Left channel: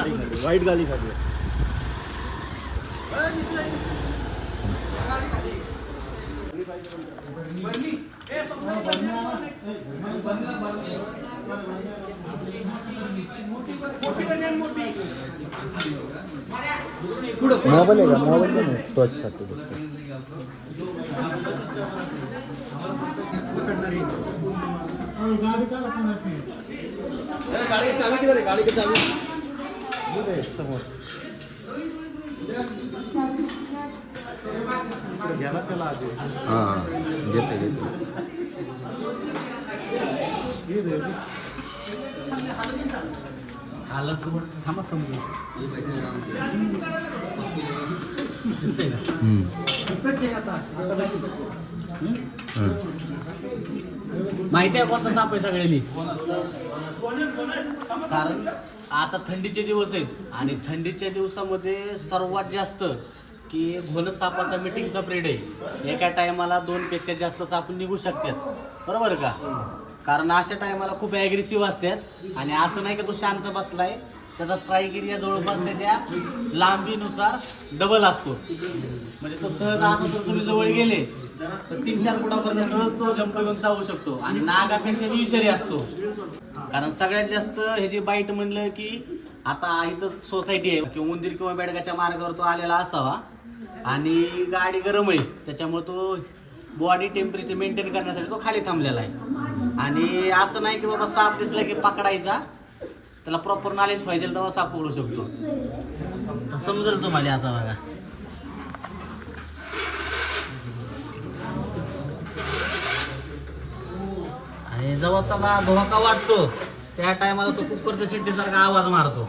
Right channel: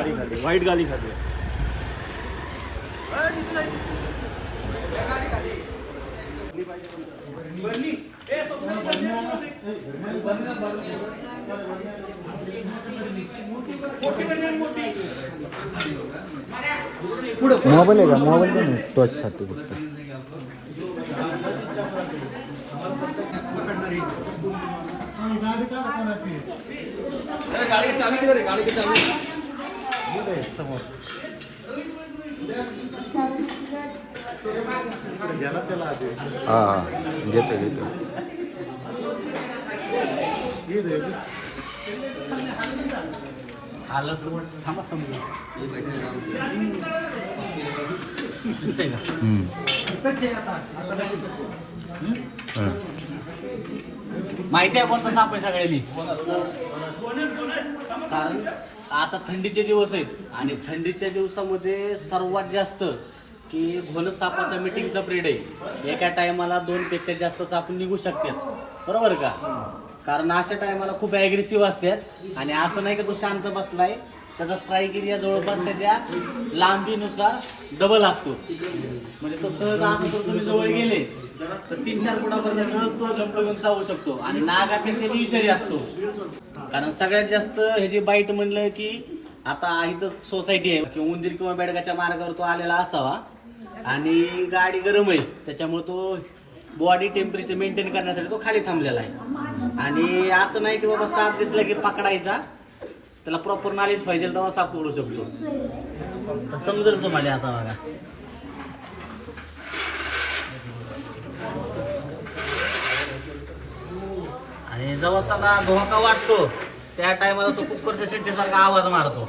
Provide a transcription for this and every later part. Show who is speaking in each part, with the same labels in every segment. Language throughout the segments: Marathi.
Speaker 1: गाडी खाली व्हाईट गाडी खाली
Speaker 2: मोबाईल आहे का मोबाईल टचसाठी हा हा घेतो घेतो. हं.
Speaker 3: माहिती आहे कोणता साप आहे सगळ्यांनी कारण आता थंडीचे दिवस आहेत. आणि थंडीच्या दिवसामध्ये सर्वात जास्त की घोल सापाचा मिटिंगचा पिरियड आहे. एका टायमाला दोन पेक्षा जास्त साप निघू शकतात. बरोबर का? कारण अशा टायमाला खूप ॲग्रेसिव्ह असतात. आणि असं नाही का तो शांत बसलाय. त्याचा स्ट्राईक एरिया जवळपास त्याच्या लांबीनुसार डबल असतो. म्हणजे तो सहज असतो तुम्ही जवळ गेले तर तीन चार फुटापर्यंत सहज तो जंप घेऊन चावू शकतो. आणि नागापेक्षा विषारी असतो. कारण सगळ्यात जास्त ह्याची बाईट म्हणलं की आता इथं सोसायटी आहे. किंवा उंदीर किंवा बेडगाच्या मार्गावर तो आलेला असावा. आणि गाडी गरम आहे. त्याच्यामुळे तो बॉडी टेम्परेचर मेंटेन करण्यासाठी तो खाली थांबलेला आहे. आणि असं नाही की बाबा साप दिसला की पकडायचा. त्याला प्रॉपर नॉलेज पाहिजे तेव्हा साप ओढू शकतो. तर समजेल तुम्हाला आता बघा. आणि जेव्हा त्याला धोका वाटतो त्या टायमाला तो कुकरच्या शिट्टीसारखा आवाज मारतो.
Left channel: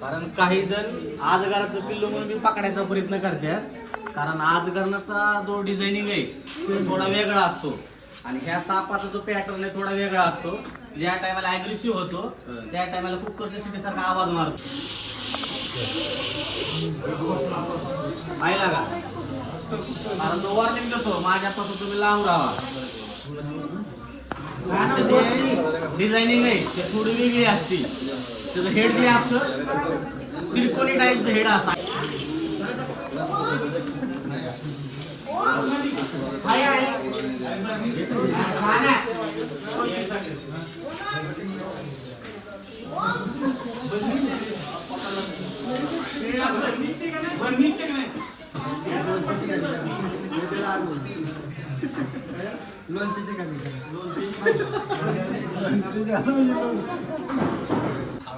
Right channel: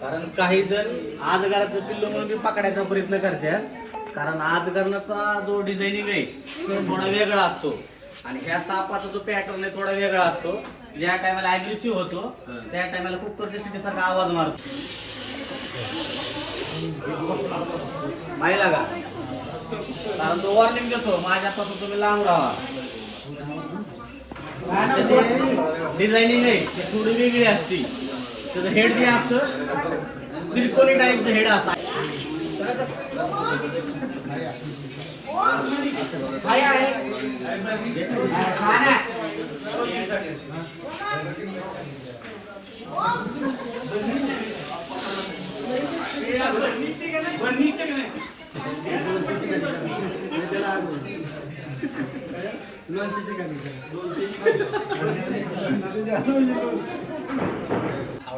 Speaker 3: कारण काही जण आजगराचं पिल्लू म्हणून मी पकडायचा प्रयत्न करते कारण आजगरणाचा जो डिझायनिंग आहे तो थोडा वेगळा असतो. आणि ह्या सापाचा जो पॅटर्न आहे थोडा वेगळा असतो. ज्या टायमाला अग्रेसिव्ह होतो त्या टायमाला कुकरच्या सिटीसारखा आवाज मारतो. पाहिला का? कारण तो वॉर्निंग देतो माझ्यापासून तुम्ही लांब राहा. डिझायनिंग आहे ते थोडी वेगळी असते. त्याचं हेड जे असतं त्रिकोणी टाईपचं हेड असतं.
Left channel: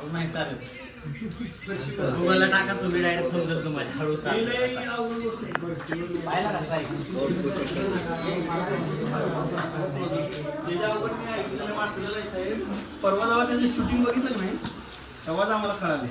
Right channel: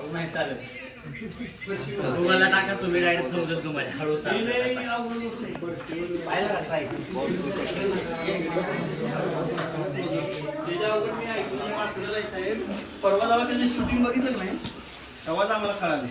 Speaker 3: हळू नाही चालत. गुगलला टाका तुम्ही डायरेक्ट समजेल तुम्हाला. हळू चालत
Speaker 1: साहेब. परवा जेव्हा त्याची शूटिंग बघितलं नाही तेव्हाच आम्हाला कळाले.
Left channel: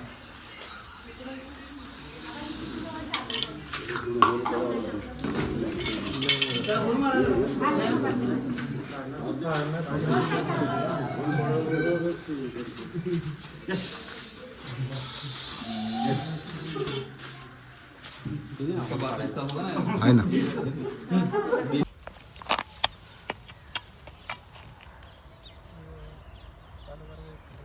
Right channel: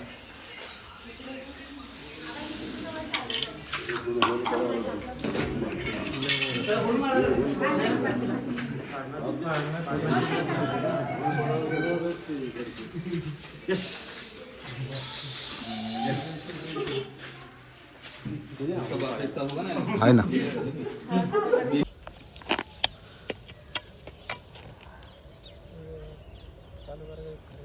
Speaker 2: आहे ना